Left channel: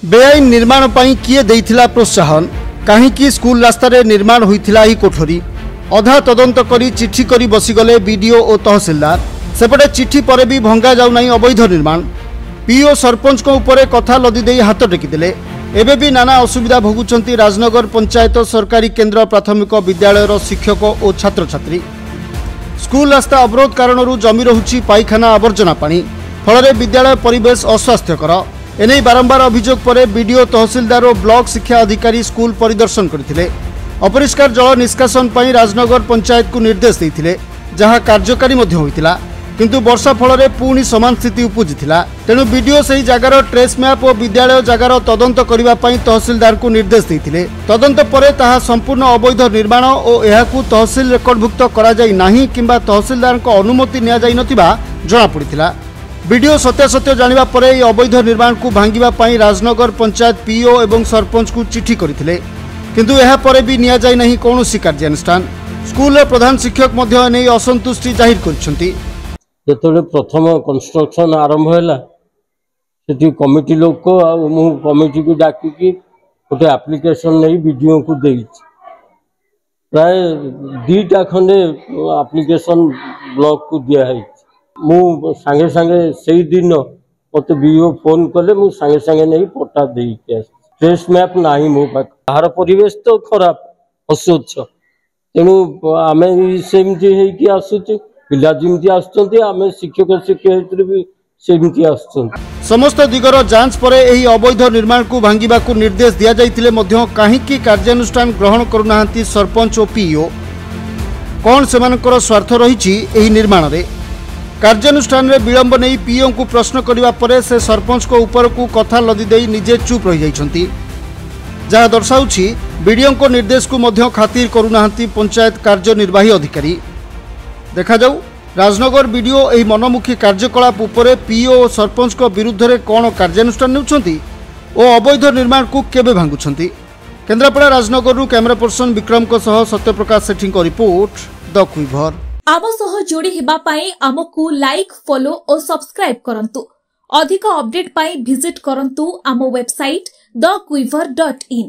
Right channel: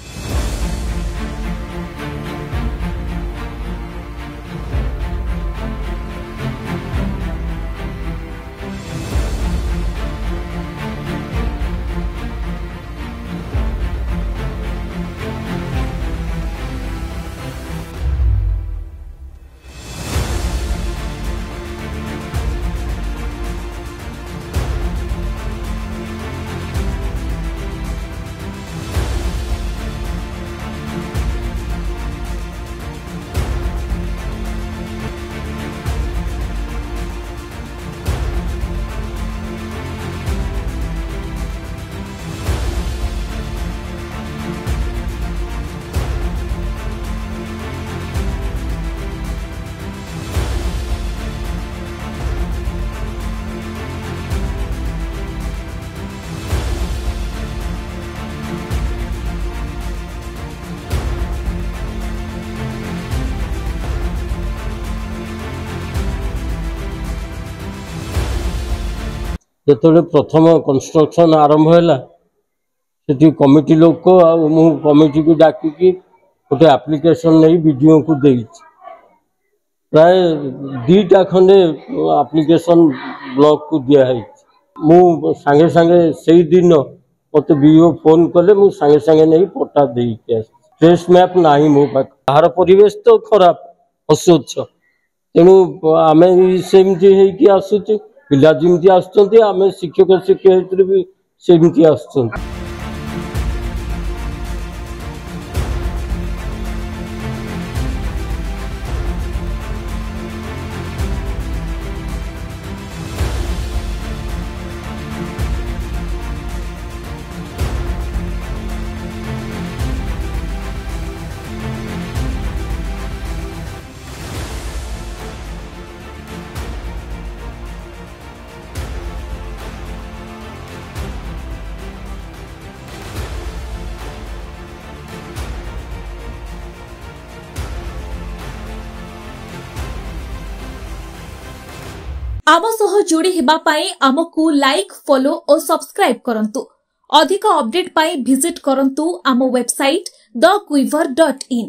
बेआईन निर्माण पर किए देइथिला प्रोत्साहन कहीं स्कूल रास्तार निर्माण होइथिला ही कोठरी अधा तदंत करी चिठी करी बसीगले बीडीओ और तहसिलदार सेपटे चिठी पर भी भंगा जाऊ नहीं अवैध निर्माण पीओ सरपंच को ऊपर कथा लदी दे हाथ टेकिदेले एबे भी नाना असुविधा भोगुंट राजनगर पंचायत सरकारी केन्द्र प्राथमिक विद्यालय शिक्षक और छात्र छात्री। स्कूल रास्ता अवरोध कारण जमी रहुछि पाइखाना आवर्जना पानी फल विद्यालय परिवेश अस्वास्थ्यकर एने बारंबार अभियोग पर बीडीओ तहसिलदार और ब्लॉक शिक्षा अधिकारी स्कूल परिदर्शन करथिले। अपरिष्कार जल निष्कासन पर राजनगर पंचायत को निर्देश देते जहां कार्यकारी होइतिला किंतु वर्षा फल पुणी समान स्थिति उपजिथिला। तेणु बीडीओ सही जगार ट्रेस मैप और विद्यालय जगार तदंत करने तहसिलदार को निर्देश देते तदंत पर ताहा संपूर्ण अवैध निर्माण और यहाकू तहसिल रेकर्डभुक्त करा जाई नाही किंबा तहसिलदार को अनुमति निया जाई नथिबा जणा पड़िथिला। बीडीओ सत्यासत्य जानिबा परे अवैध निर्माण को भांगिबा पई राजनगर पंचायत पीओ एवं सरपंच को चिठी करथिले किंतु यह पर भी निया जाई नहीं कौनसी कार्यानुष्ठान। स्कूल प्रधान शिक्षक मध्य नहीं असंतुष्टि जाहिर करछंती। जो प्रथम कंस्ट्रक्शन आरंभ है कमिटी लोक को मु कमिटी को डाकिकी गोटे एप्लिकेशन नहीं बीडीओ को दे प्राय 2टा खंडे एप्लिकेशन ब्लॉक को दिखाई मु सांगे सांगे से दिन मत बीओ फोन कले मु सांगे सांगे नहीं पट्टा दे ट्रेस मैप नहीं मो पाख बाहर परिवेश तो खराब अस्वच्छ तेणु आम सेमती आसुचे पिला जमी आम शिक्षक शिक्षयित्री भी सेमती आसुन। समस्त दिगर जांच पर यही अवैध निर्माण को भांगिबा को निर्देश दिया जाइतिले मध्य काहेकि कार्यानुष्ठान ग्रहण करुनाहांती सरपंच और पीओ कौन सेमानकर स्वार्थ रही एही निर्माण रे कार्यानुष्ठान रे विलंब नहीं पीओ को प्रश्न करिबा परे से सरपंच को ऊपर को कथा लदी देई निजे चुप रही जाइछंती जहाँ दर्शाउछि बीडीओ को निर्देश को मध्य खातिर करुनाहांती पंचायत कार्यनिर्वाही अधिकारी। देखा जाऊ राजनगर बीडीओ एही मनमुखी कार्यकलाप उपरे पीओ और सरपंच को विरुद्ध रे कौन कार्यानुष्ठान नेउछंती और अवैध निर्माण को केबे भांगुछंती। केन्द्रापड़ा राजनगर कैमरा पर्सन विक्रम को सह सत्यप्रकाश सेठी को रिपोर्ट द क्विवर। आम सह जोड़ी हेबा पाई आमकु लाइक फॉलो और सब्सक्राइब करंतु। अधिक अपडेट पाई विजिट करंतु आम वेबसाइट thequiver.in।